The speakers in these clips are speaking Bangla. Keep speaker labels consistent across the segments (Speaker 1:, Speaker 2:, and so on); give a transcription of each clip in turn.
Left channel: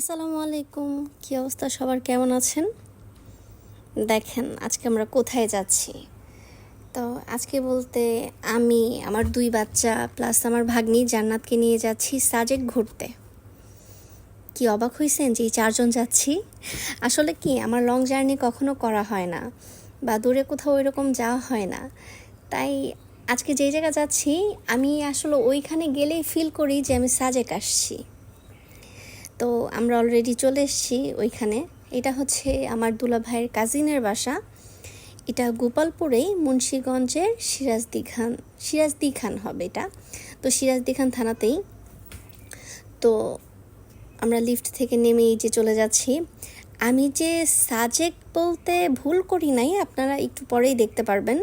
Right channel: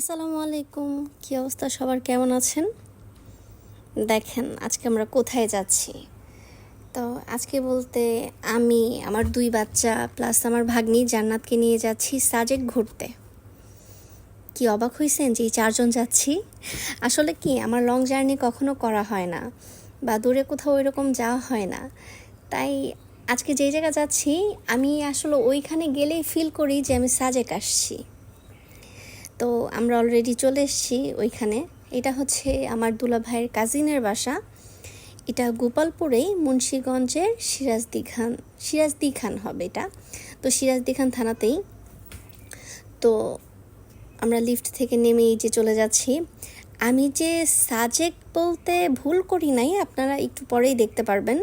Speaker 1: আসসালামু আলাইকুম। কী অবস্থা? সবার কেমন আছেন? দেখেন, আজকে আমরা কোথায় যাচ্ছি? তো আজকে বলতে আমি, আমার দুই বাচ্চা প্লাস আমার ভাগ্নি জান্নাতকে নিয়ে যাচ্ছি সাজেক ঘুরতে। কি অবাক হয়েছেন যে এই চারজন যাচ্ছি? আসলে কি, আমার লং জার্নি কখনো করা হয় না বা দূরে কোথাও ওইরকম যাওয়া হয় না। তাই আজকে যেই জায়গা যাচ্ছি, আমি আসলে ওইখানে গেলেই ফিল করি যে আমি সাজেক আসছি। তো আমরা অলরেডি চলে এসেছি ওইখানে। এটা হচ্ছে আমার দুলা ভাইয়ের কাজিনের বাসা। এটা গোপালপুরেই মুন্সীগঞ্জের সিরাজদি খান সিরাজদি খান হবে এটা। তো সিরাজদি খান থানাতেই। তো আমরা লিফট থেকে নেমে এই যে চলে যাচ্ছি। আমি যে সাজেক বলতে ভুল করি নাই, আপনারা একটু পরেই দেখতে পারবেন।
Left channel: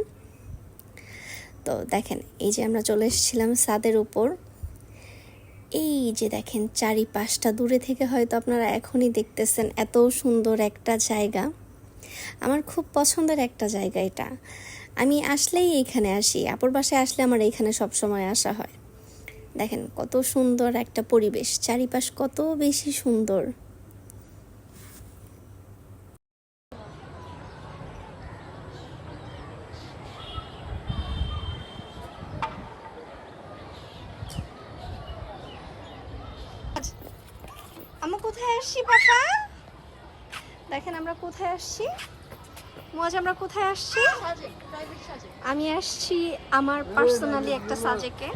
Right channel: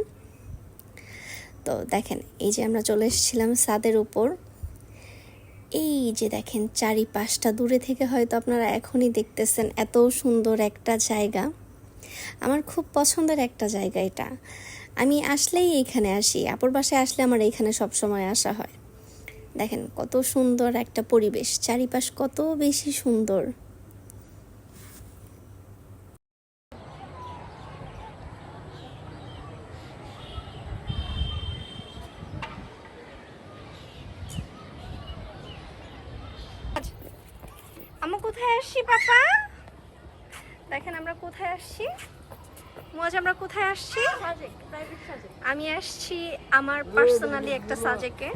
Speaker 1: তো দেখেন, এই যে আমরা চলে এসেছিলাম সাদের উপর। এই যে দেখেন চারিপাশটা, দূরে থেকে হয়তো আপনারা এখনই দেখতেছেন এত সুন্দর একটা জায়গা। আমার খুব পছন্দের একটা জায়গা এটা। আমি আসলেই এইখানে আসি, আপুর বাসায় আসলে আমার এইখানে সবসময় আসা হয়। দেখেন কত সুন্দর একটা পরিবেশ, চারিপাশ কত বেশি সুন্দর। আমরা কোথায় আসছি, পাপা? দেখেন, আমরা কোথায় আসছি? মজ আমরা কোথায় আসছি? আমি আসছি আমার পার্সোনালি একটা সাজেকে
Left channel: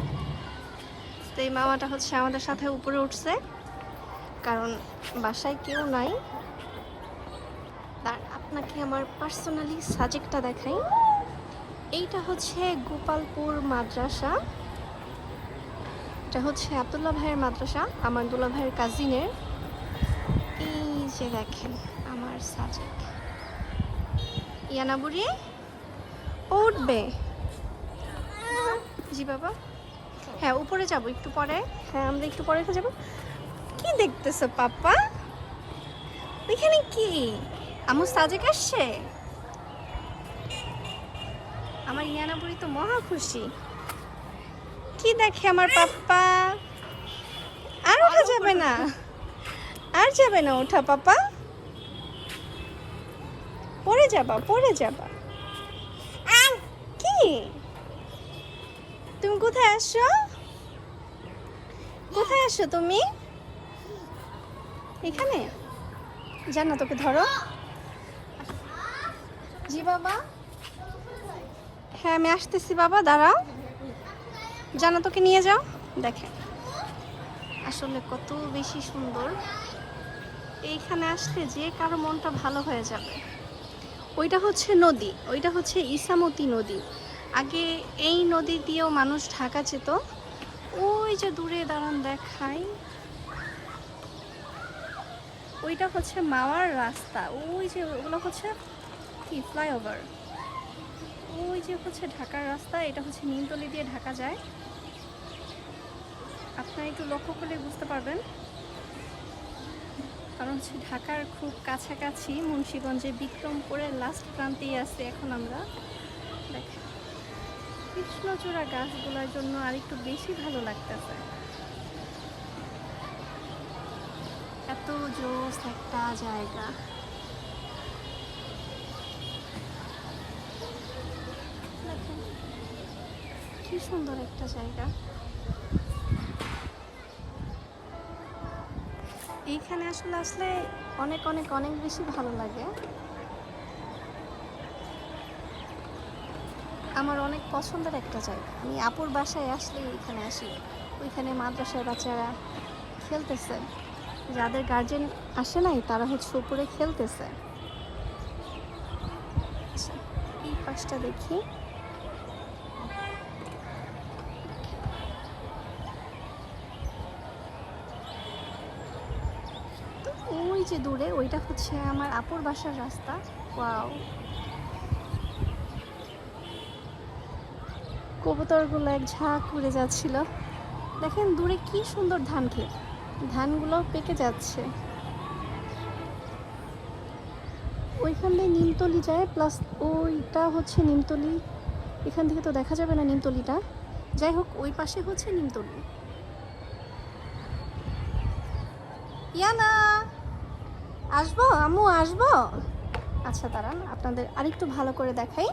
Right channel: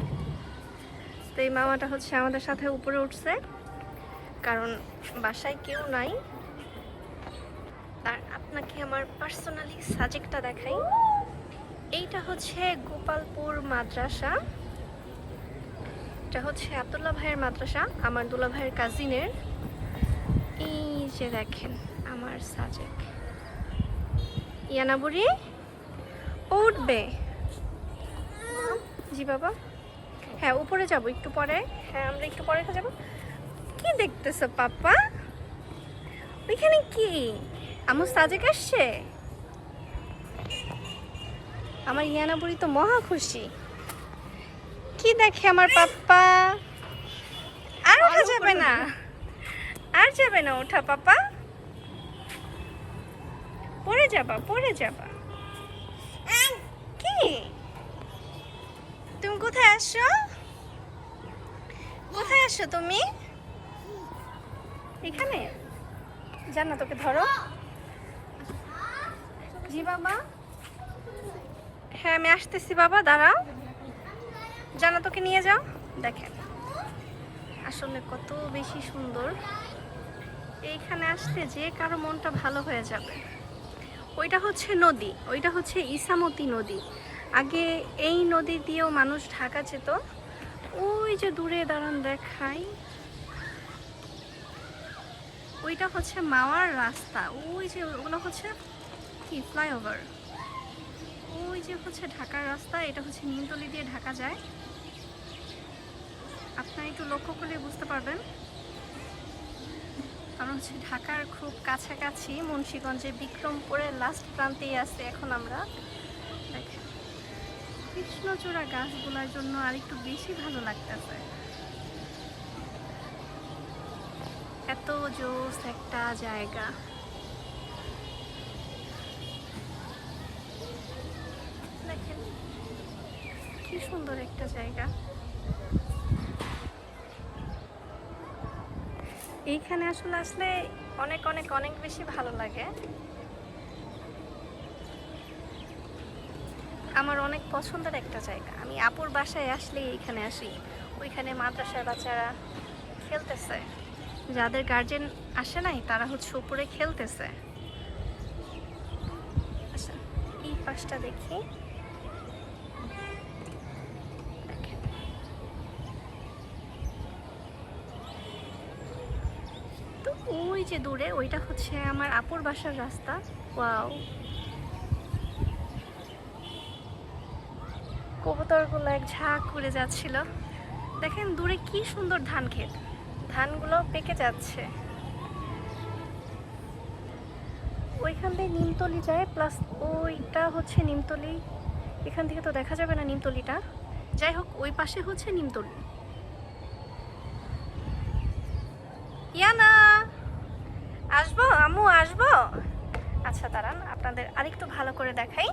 Speaker 1: তো এই মামাটা হচ্ছে আমাদের সাথে উপরে উঠছে। কারণ বাসায় কেউ নাই। তার আপনাকে আমার পার্সোনালি সাজেকটা দেখাই। এইটা হচ্ছে গোপালপুর মাদ্রাসা। এটা হচ্ছে আব্দুল্লাহ ভাইয়ের মাদ্রাসা, আমার দুলা ভাইয়ের কাজিনের এই যে দেখেন, আমার সাজেক ইয়ানা বুড়ি, উঠবে। জি বাবা। হ্যাঁ উপরে যাব, একটু পরে। হ্যাঁ আমরা একটু পরে যাব। কি দেখতেছ পাপ্পা? ওইখানে কি? আমার সাজেক আসছে? আমার ইয়ানা বুড়ি তো মহা খুশি। কি দেখে আমার পাপ্পা? আর ওঠা যাবে না। আর যাবে না ওঠা, পাপা। পড়ে যাবা পড়ে যাবা। কি? তুমি কোথায় আসছো? কোথায় আসছো তুমি? এখানে? জানো, তোকে ধরো। জি, বাবা। হ্যাঁ আমি আসতেছি, বাবা, দাঁড়াও। জানা, তোকে নিয়ে যাও। দেখেন আসলে কত বেশি সুন্দর। এইখানে আসলে যে কারও মনটা ভালো হয়ে যাবে। ওইটা হচ্ছে নদী, ওইটা হচ্ছে ইসামতি নদী। আগে এই নদী দিয়েও মানুষ ঢাকা যেত। ওই যে দূরে দাঁড়ান দেখাই। ওইটা হচ্ছে মামার রাস্তা। ওই যে ওগুলো হচ্ছে কি, ফ্লাইওভার? ওই যে হচ্ছে ঢাকার রাস্তা, এটা হচ্ছে নিমতলি দিয়ে ঢাকা যায়। আপনারা একটু লক্ষ্য করলে বুঝতে পারবেন। কারণ হচ্ছে ঢাকার খুব কাছাকাছি মুন্সীগঞ্জে বিক্রমপুরের লাস্ট প্রান্তেই আছে এখন আমরা। কৃষ্ণচূড়া গাছগুলোর জন্য আর একটু বেশি ভালো লাগতেছে। এত জোস একটা জায়গা। কি সুন্দর একটা জায়গা। এইখানে আসলে আসলে অনেক অনেক অনেক বেশি ভালো লাগে। আমার অনেক পছন্দের একটা জায়গা। আমি আপুর বাসায় আসলে এইখানে আসি। ওইখানে মাদ্রাসার বাচ্চারা খেলতেছে। যাদের গার্জেন আসে নাই তারা হচ্ছে উপরে খেলতেছে। আচ্ছা, এই পাশটা দেখি তো ওই যে দূরে, ওইটা হচ্ছে আমার আপুর বাসার রাস্তা। ওয়াও। কবুতরগুলো এক ঝাঁক করে যাচ্ছিল। দেখেন দূরে কি সুন্দর ধান ক্ষেত। ধানগুলো পেকে যাচ্ছে। ওইখান দিয়ে নিমতলি যায়, প্লাস ওইটা হচ্ছে নিমতলি। এখান থেকে তো দেখা যাবে না নিমতলিটা। যাই হোক, ওই পাশে হচ্ছে নিমতলি। ইয়ানা! আসব? আম্মু আসব? আচ্ছা দাঁড়ান, আপনাদের আরেকটু ভালো করে দেখাই।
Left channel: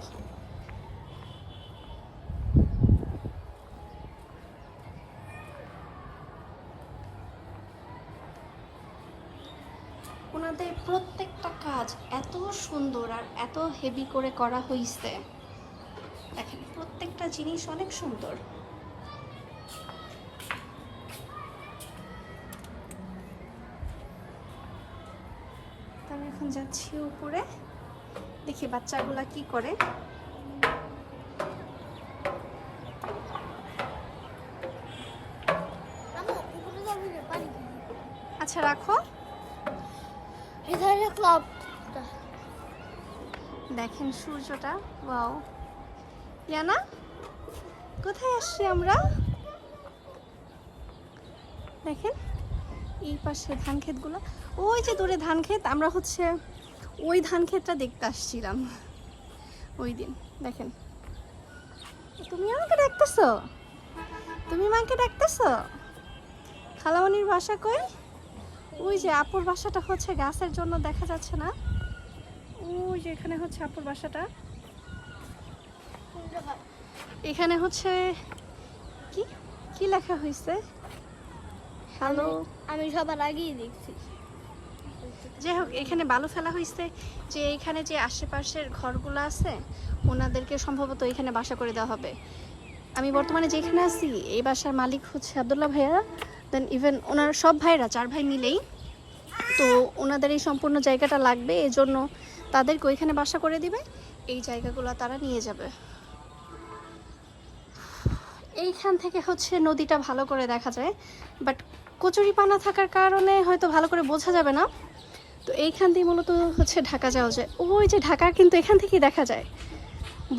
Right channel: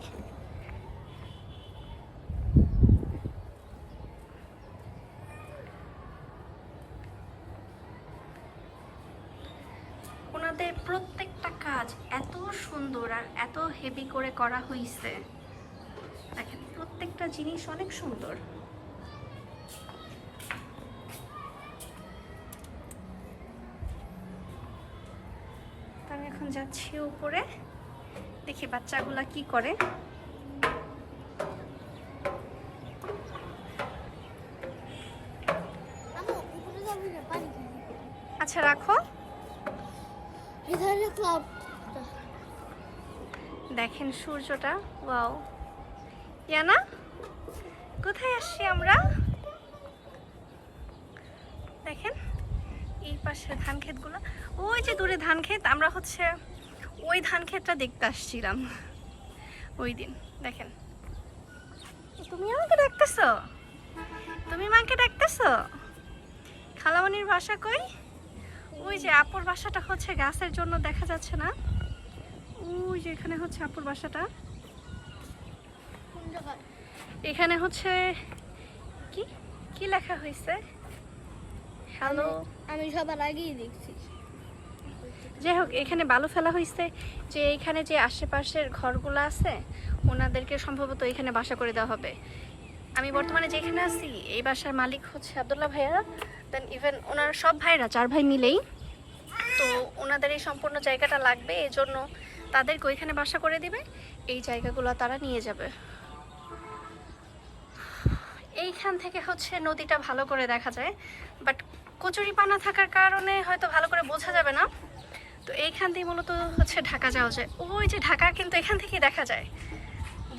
Speaker 1: ওনাদের প্রত্যেকটা কাজ এত সুন্দর আর এত হেভি করে করা হয়েছে দেখেন, প্রত্যেকটা জিনিস অনেক সুন্দর। যাচ্ছি উপরে। দেখি বাচ্চাগুলা কি করে। আচ্ছা রাখো। দেখেন সূর্যটা। ওয়াও। ইয়ানা কোথায় আসছি আমরা দেখেন এই পাশে ধান ক্ষেতগুলো ওই যে দূরে ধান ক্ষেত আমরা হচ্ছে ওই ধান ক্ষেতটা দেখতে আসছিলাম। ওই দিন, দেখেন। তুমি আমাকে ডাকতেছো? তুমি মাকে ডাকতেছো? খালামনির বাসা কই? ওই যে আপুর বাসাটা হচ্ছে গাছের জন্য দেখা যাচ্ছে না। ওই যে এখানে হচ্ছে আপুর বাসাটা। এখানে হচ্ছে কি? কি লেখা হয়েছে হ্যালো।
Speaker 2: আমি সবার আগেই দেখছি।
Speaker 1: যাই হোক এখানে বালু ফেলা হয়েছে যে এখানে যে আশেপাশের ঘরগুলো আছে ওনাদেরকে সম্ভবত এখানে বাসা করে দেওয়া হবে। আমি বর্তমানে যেখানে আছি এই বাসার মালিক হচ্ছে আবদুল্লাহ ভাইয়া দেন ইভেন ওনার সব ভাইরা চার ভাই মিলেই তো ওনাদের এই সম্পূর্ণ জায়গাটা লাগবে এই জন্য তাদেরকে ওইখানে বাসা করে দিবে এই জায়গাগুলো তারা নিয়ে যাবে। এইখান থেকে হচ্ছে নদীটা ভালো করে দেখা যায় বাট কচুরিপানা থাকার কারণে হয়তো ভালো করে বোঝা যাবে না। তো এইখান দিয়ে মূলত হচ্ছে ঢাকা যাওয়া যায়। ওই যে ঢাকা কিন্তু এখান থেকেই দেখা যায়।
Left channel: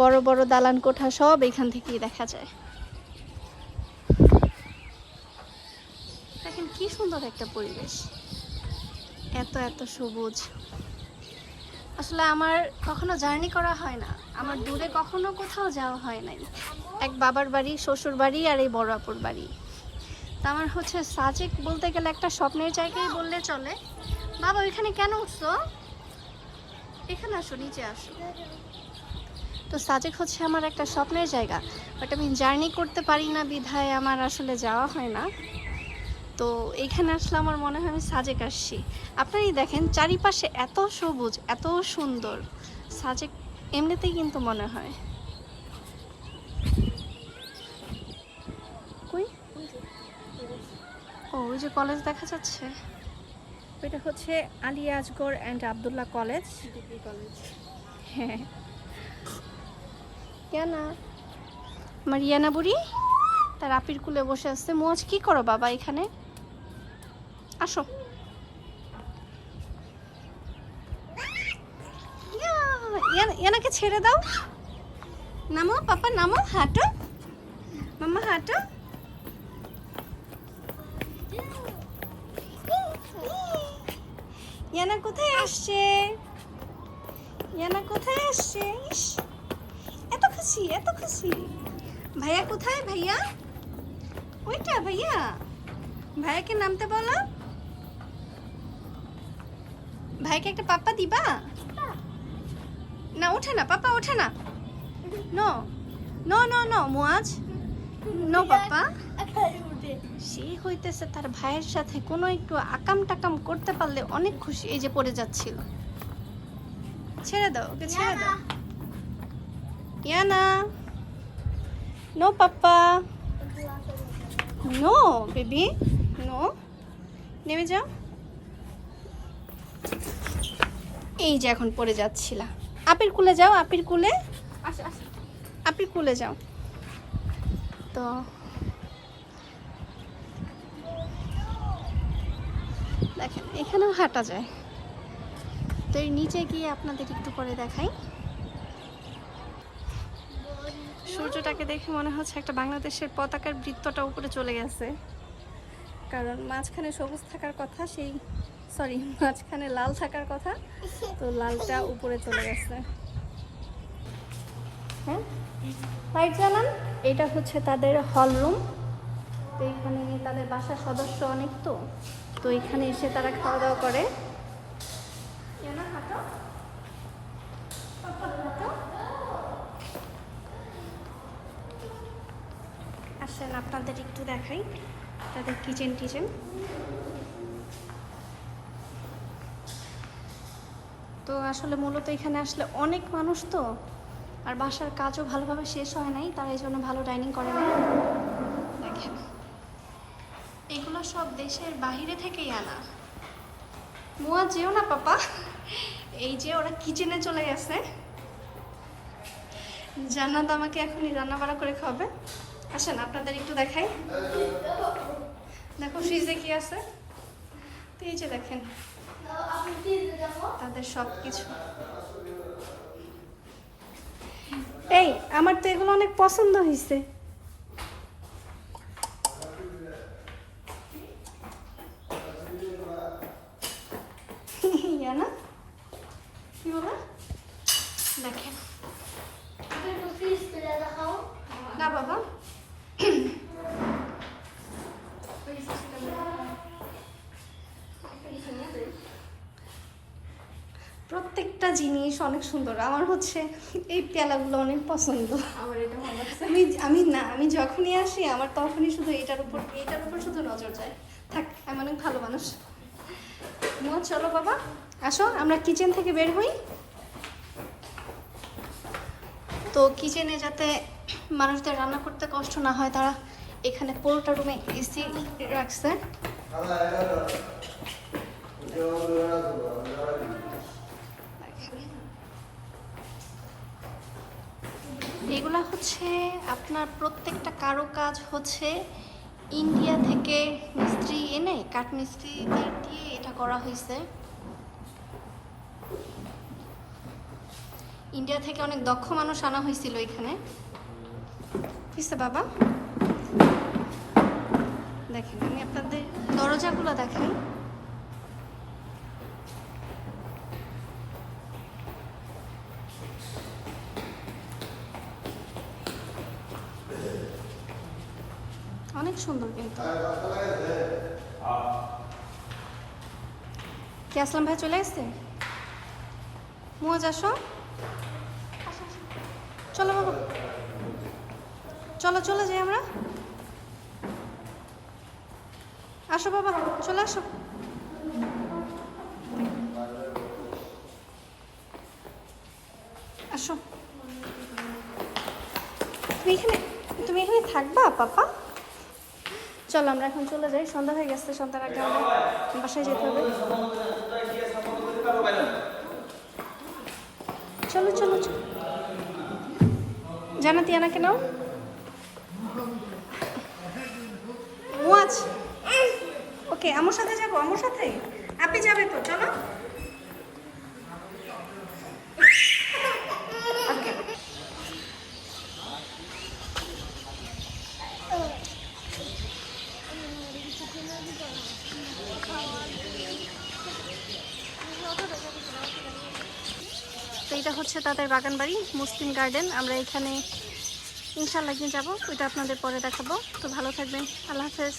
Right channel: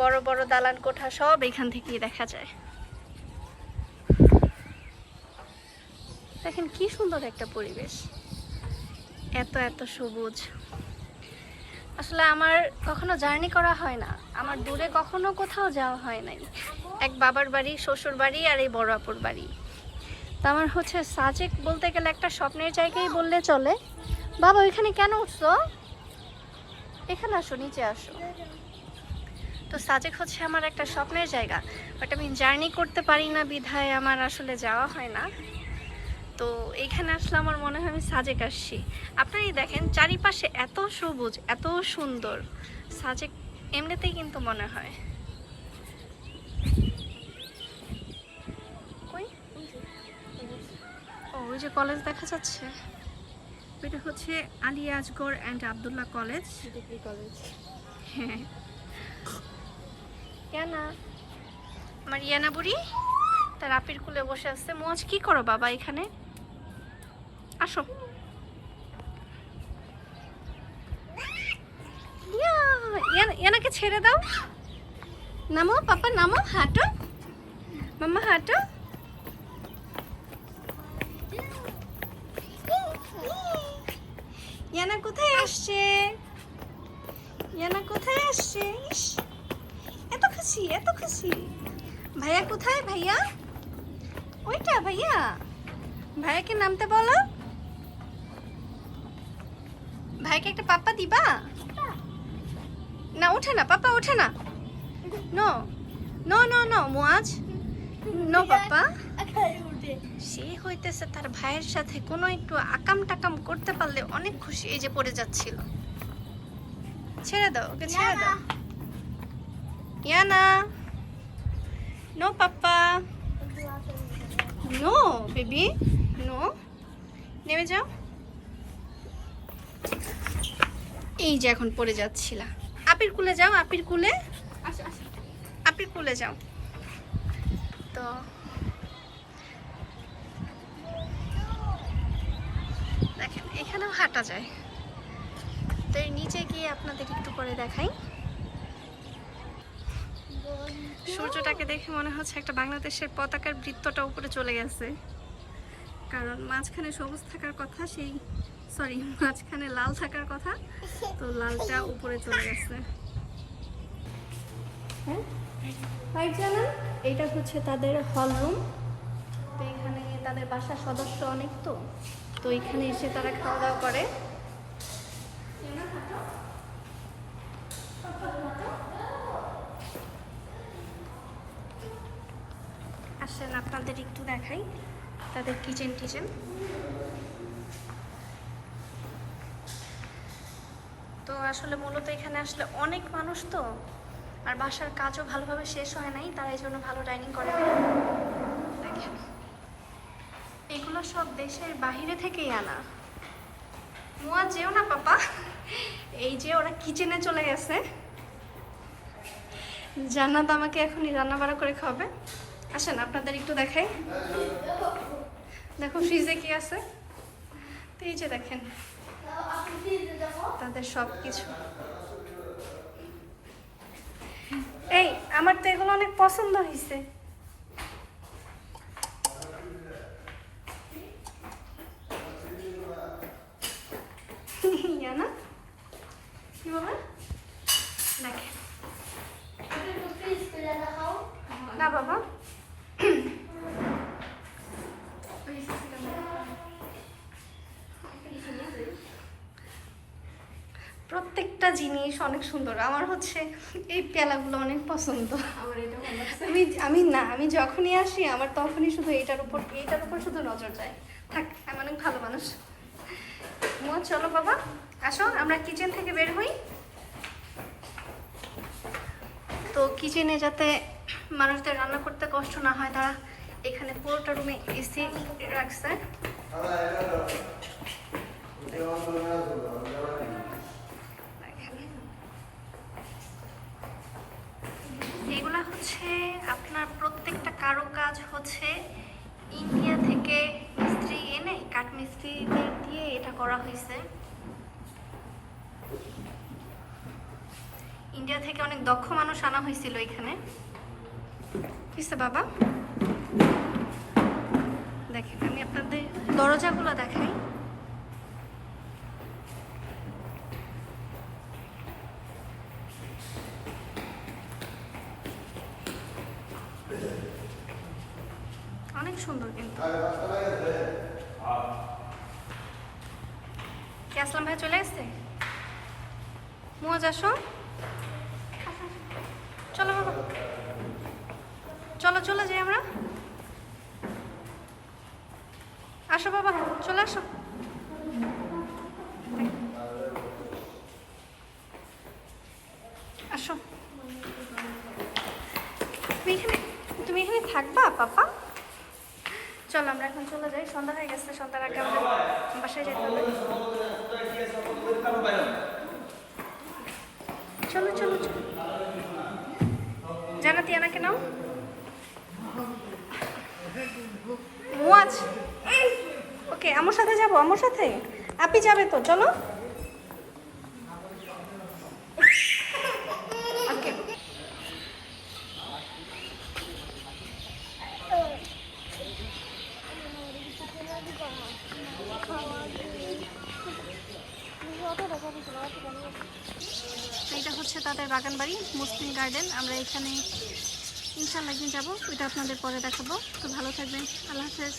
Speaker 1: বড় বড় দালান কোঠা সব এখান থেকেই দেখা যায়। দেখেন কি সুন্দর একটা পরিবেশ। এত এত সবুজ। আসলে আমার কখনো জার্নি করা হয় না। আমার দূরে কখনো কোথাও যাওয়া হয় নাই। এক বাবার বাড়ি শ্বশুর বাড়ি আর এই বড় আপুর বাড়ি। তা আমার হচ্ছে সাজেক বলতে গেলে একটা স্বপ্নের জায়গায় বললে চলে। বাবা, ওইখানে কেন উঠছো? এখানে আসো, নিচে আসো। তো সাজেক হচ্ছে আমার একটা স্বপ্নের জায়গা। বাট আমি জার্নি করতে পারি না বিধায় আমার আসলে যাওয়া হয় না। তো এইখানে আসলে আমার মনে হয় আমি সাজেক আসছি। আপনারাই দেখেন, চারিপাশে এত সবুজ, এত সুন্দর। সাজেক এমনিতেই কিন্তু মনে হয় কই ও ওই যে কলেজ দেখা যাচ্ছে? এটা হচ্ছে আলী আজগর অ্যান্ড আবদুল্লাহ কলেজ হ্যাঁ। আমার ইয়ানা বুড়ি তার আপির কুলে বসে আছে। মোজ কি করো বাবা এখানে? আসো। ইয়া, ইয়ানা- ইয়ানাকে ছেড়ে দাও। নামো পাপা নামো হাঁটো। মাম্মা হাঁটো। ইয়ানা কোথায় আসছে? ইয়ানা কোথায় আসছে? ইস, এত খুশি এত খুশি। ভাইয়া কোথায় ভাইয়া? ওইটা ভাইয়া। ভাইয়াকে নামতে বলো। ভাইকে একটা পাপ্পা দিবা? না ওঠে না পাপা ওঠে না। No no no no Muaz. No papa সে হইতেছে তার ভাইয়ের সাথে কোনো একটু আকাম টাকাম করতে পারলে অনেক খুশি এই যে পড়ে যাচ্ছিল। ছেড়ে দাও ওকে ছেড়ে দাও। Iyana. No papa. No baby. No. নেমে যাও। এই যে এখন পড়ে যাচ্ছিলা। আপির কুলে যাও আপির কুলে। আপির কুলে যাও। তো দেখেন এখানেও হাঁটা যায়। তো এই নিচে গিয়ে আপনাদের একটু পরে দেখাই। সূর্যটাকে দেখে মনে হচ্ছে একটা বাংলাদেশের পতাকার বৃত্তটা উপরে চলে গেছে। কারণ মাঝখানে সবুজ থাকার কথা সেই সরি মাঝখানে লাল থাকার কথা তো লালটা উপরে চলে গেছে। হ্যাঁ? এটা হচ্ছে তাদের হল রুম। তো এখানে তাদের বাসার সদস্য অনেক তো। তো এখানে এসে তারা খাওয়া দাওয়া করে। আসেন, আপনাদের একটু দেখাই তাদের কিচেন টিচেন। তো আসলে মূলত এখানে আসলে অনেক মানুষ তো, আর বাসার কাজও ভালোভাবে শেষ হয় নাই, তারা এই জন্য ভালো ডাইনিং করে না। এগুলো সব দেশের বাইরে থেকেই আনা। মোয়া যেও না, পাপা। এই যে ওরা কিচেনে চলে গেছে। জান্নাত আমাকে এখনই রান্না বাড়া করে খাবে আসেন, আপনাদের একটু দেখাই। দেখো ফ্রিজে কি আছে? তো এই যে দেখেন, তাদের সব কিছু এই, আমার তো এগুলো অনেক পছন্দ হয়েছে ইয়া না কি বলে দেখেন
Speaker 2: আপনি একটু ফ্রিজ করে দেখাও
Speaker 1: না বাবা। প্রত্যেকটা জিনিস অনেক সুন্দর। আমার হচ্ছে এই পেলাগুলো অনেক পছন্দ। আমি আমি না আমি যখনই আসি আমার তখনই শুধু এইটার উপর এইটার উপর শুধু নজর যায়। থাক আমি অনেক ভালো মানুষ। মোয়া চলো বাবা আসো আমরা কিচেন থেকে বের হই। তো কিচেনে যাতে মানুষদের রান্না করতে কষ্ট না হয়, তারা এখানে পুরোটা রুমে এসি রাখছে। এগুলা হচ্ছে আপনার প্রত্যেকটা কারও কাজ হচ্ছে ইন্ডিয়া থেকে মিস্ত্রি এনে কাঠ মিস্ত্রি দিয়ে এটা করা হয়েছে। ইন্ডিয়া থেকে অনেক দক্ষ মানুষ আনা হয়েছিল এখানে। কিসে বাবা। দেখেন, আমি আপনাদের দরজাগুলো দেখাই। অনেক সুন্দর কিন্তু। কি, আসলাম ভাই, চলে এসছে মোয়াজ আসো। চলো, বাবা। চলো, চলে যাই আমরা। আসো বাবা, চলে আসো। আসো। তুমি এখানে তুমি এখানে থাকবা, পাপা? চলো, আমরা এখন চলে যাই। সন্ধ্যা হয়ে গেছে, সন্ধ্যার আগে আমাদের বাসায় যেতে হবে। চলো চলো চলো। জানাতি আনাকে নাও। ওয়াচ ওকে আমার সাথে যাব আমার সাথে? আপনি যাবে তো, চলো। তো এটা হচ্ছে তাদের বাগান বাড়ি মুসলিম গার্ডেন। আমরা এখানে ইনশাল্লাহ একদিন যাব। ওইটা আপনাদের পরে দেখাবো। তো ভালো থাকবেন। আল্লাহ হাফেজ।